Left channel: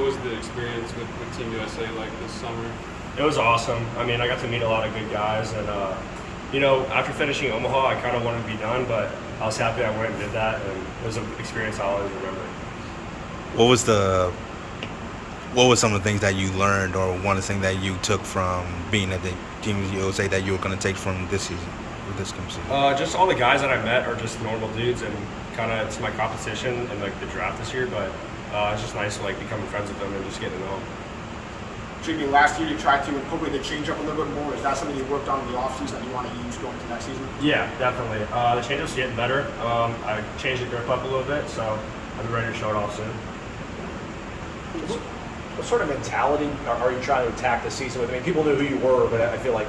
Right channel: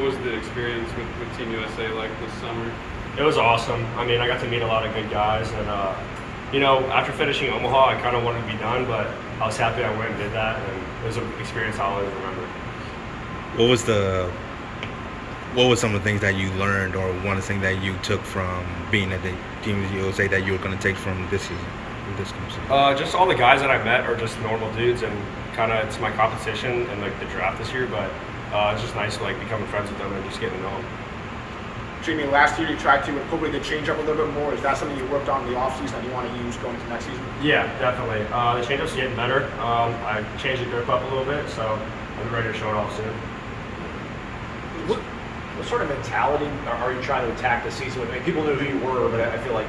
What was the experience with Team USA like this summer? It was awesome. I mean, I got to meet a lot of good guys, and after finishing Omaha, I kind of wanted to be done, but I was happy I went and did that, and it was an experience I'll always remember. What was some of the things that you learned, or one of the things that you took from being at the Team USA that you were going to take from this season, with this coming season? Just all the guys that I met are just normal dudes, and kind of it's my competition in like the draft this year, but it's just nice to like becoming friends with them and just getting to know them. Jamie, last year you tried to incorporate the changeup a little bit more. Is that something you worked on in the offseason that you want to use going into next season? Yeah, definitely. The changeup's getting better. I changed the grip up a little bit, so I'll be ready to show it off soon. What sort of mentality are you trying to attack the season with? I mean, people knew who you were, but I feel like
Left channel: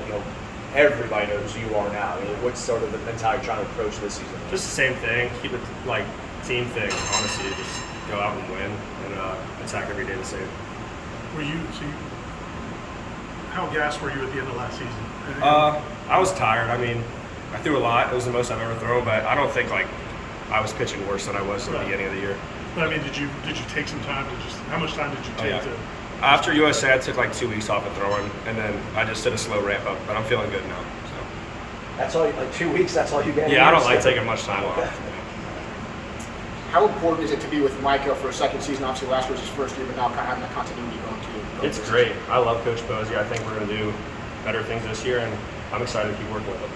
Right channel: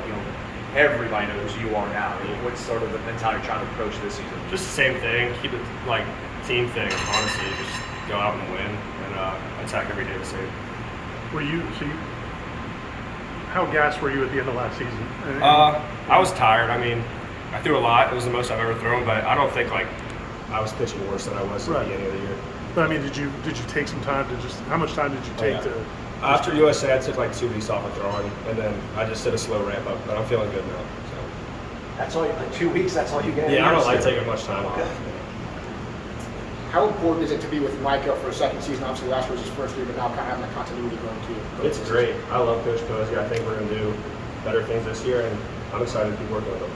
everybody knows who you are now. What's sort of the mentality you're trying to approach this season? Just the same thing. Keep it like team thing. Honestly, just go out and win and attack every day the same. How gassed were you at the end of last season? I was tired. I mean, I threw a lot. It was the most I've ever thrown, but I don't think like I was pitching worse than I was at the beginning of the year. But I mean, did you take some time to how much time did you take to? After USA, I took like 2 weeks off of throwing, and then I just did a slow ramp up. But I'm feeling good now. So. That's all. Like 2 weeks. That's all you get. Yeah, I don't like taking much time off. Okay. How important is it to be with Micah for a second season? Obviously, last year was his first year, but now kind of having that continuity going too. It's great. I love Coach Posey. I think we're going to do better things this year, and I'm excited to keep working with him.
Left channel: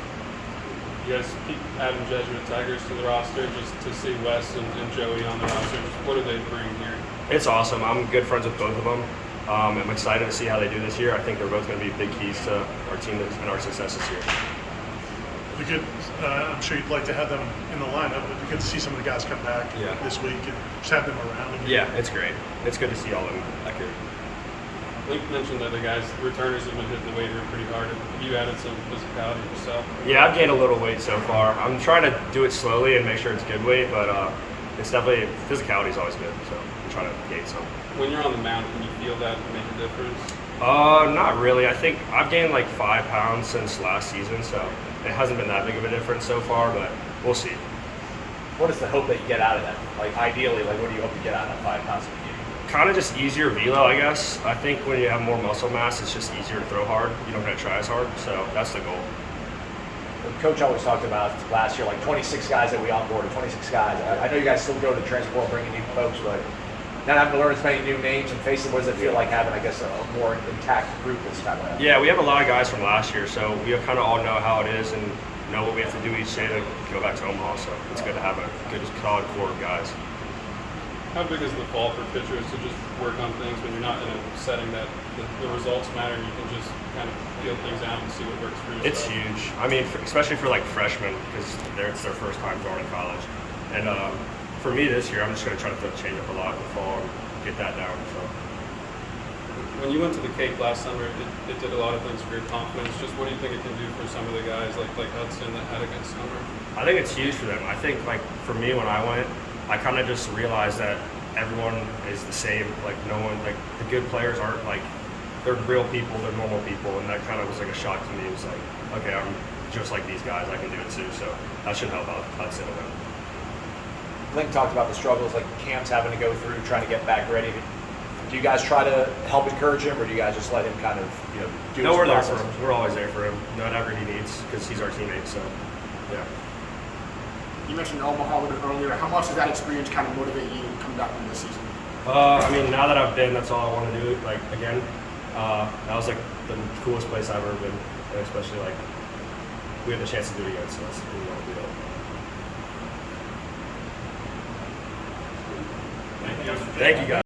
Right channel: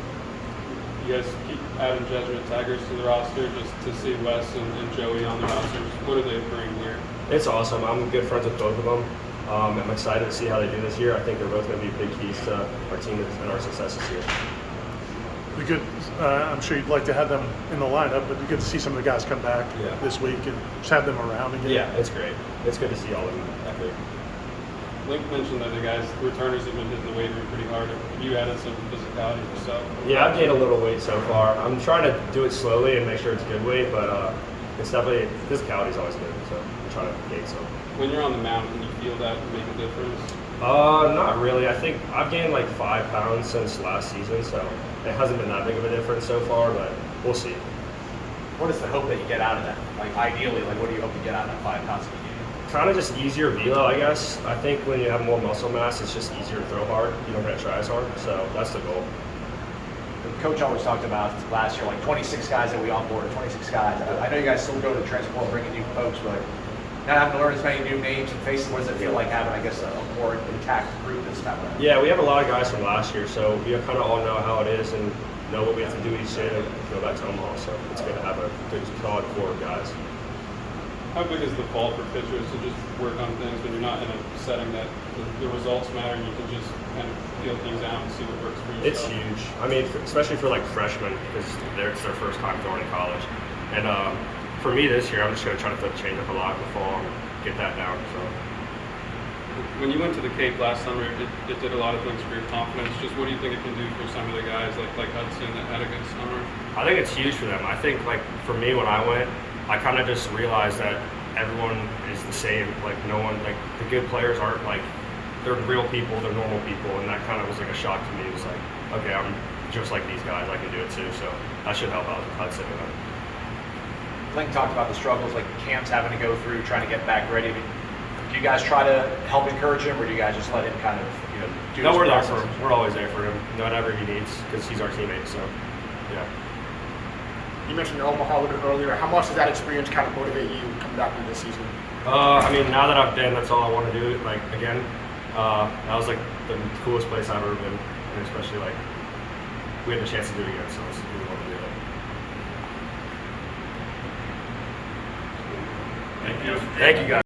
You guys keep adding judgment taggers to the roster just to see Wes and Joey on the rosters. What do they bring here? It's awesome. I'm good friends with both of them. I'm excited to see how they do this year. I think they're both going to be big keys to our team and our success this year. I'm sure you'd like to have them in the lineup, but you get to see some of the guys come back this week and just have them around again. Yeah, it's great. It's good to see all of them back here. Like you mentioned, other guys, returners have been hitting the waiver pretty hard. You added some physicality yourself. Yeah, I've gained a little weight so far. I'm trying to do it slowly and make sure it's good weight, but it's definitely physicality is always good. So I'm trying to gain some. When you're on the mound, can you feel that make a difference? Not really. I think I've gained like 5 pounds since last season, so it hasn't been that big of a difference so far, but we'll see. What is the hope that you get out of that? Like ideally, like what do you hope to get out of that 5 pounds? Kind of just easier velo, I guess. I think when you have more muscle mass, it's just easier to throw hard. You don't have to try as hard, so that's the goal. The coach always talked about last year, like 26 guys that we onboarded, 26 guys. I know you guys still go to the transfer portal and bring in new folks, but not having to learn as many new names and faces, what does it feel like having, I guess, a more intact group this time around? Yeah, we have a lot of guys from last year, so we kind of all know how it is and know what we have to do each day to go back to Omaha. So it's good to have a good, solid core of guys. How big is the fall for pitchers to just work on things when you're not in a setting that the results matter and you can just kind of feel things out and see what works for yourself? It's huge. I mean, especially for like freshmen, because it's their first time going to college. And for me this year, I'm just going to try to flip change up a lot in the fall and get that down. So. When you went to the Cape last summer, it did a lot of things for your confidence. Just what do you think it can do for some of the guys like Hudson that had a good summer? I think it's huge for them. I think like for me when I went, I kind of just realized that everyone is the same. Like no one, like the good players aren't like, they're real people, they're normal people, and that kind of was like a shock to me. It was like, okay, I'm just like these guys, I can do it too. So that should help out Hudson and them. Link talked about the struggles like camps having to go through, trying to get back ready. Do you guys try to help encourage him, or do you guys just let him kind of, do No, his we're there process? for him. We're always there for him, whatever he needs, because he's our teammate. So, yeah. You mentioned Omaha a little bit earlier. How much does that experience kind of motivate you to come back in this season? I mean, now that I've been, that's all I want to do. Like again, that was like the coolest place I've ever been, and especially like we have the chance to do it again. So it's really want to do it. Thank you. Thank you guys.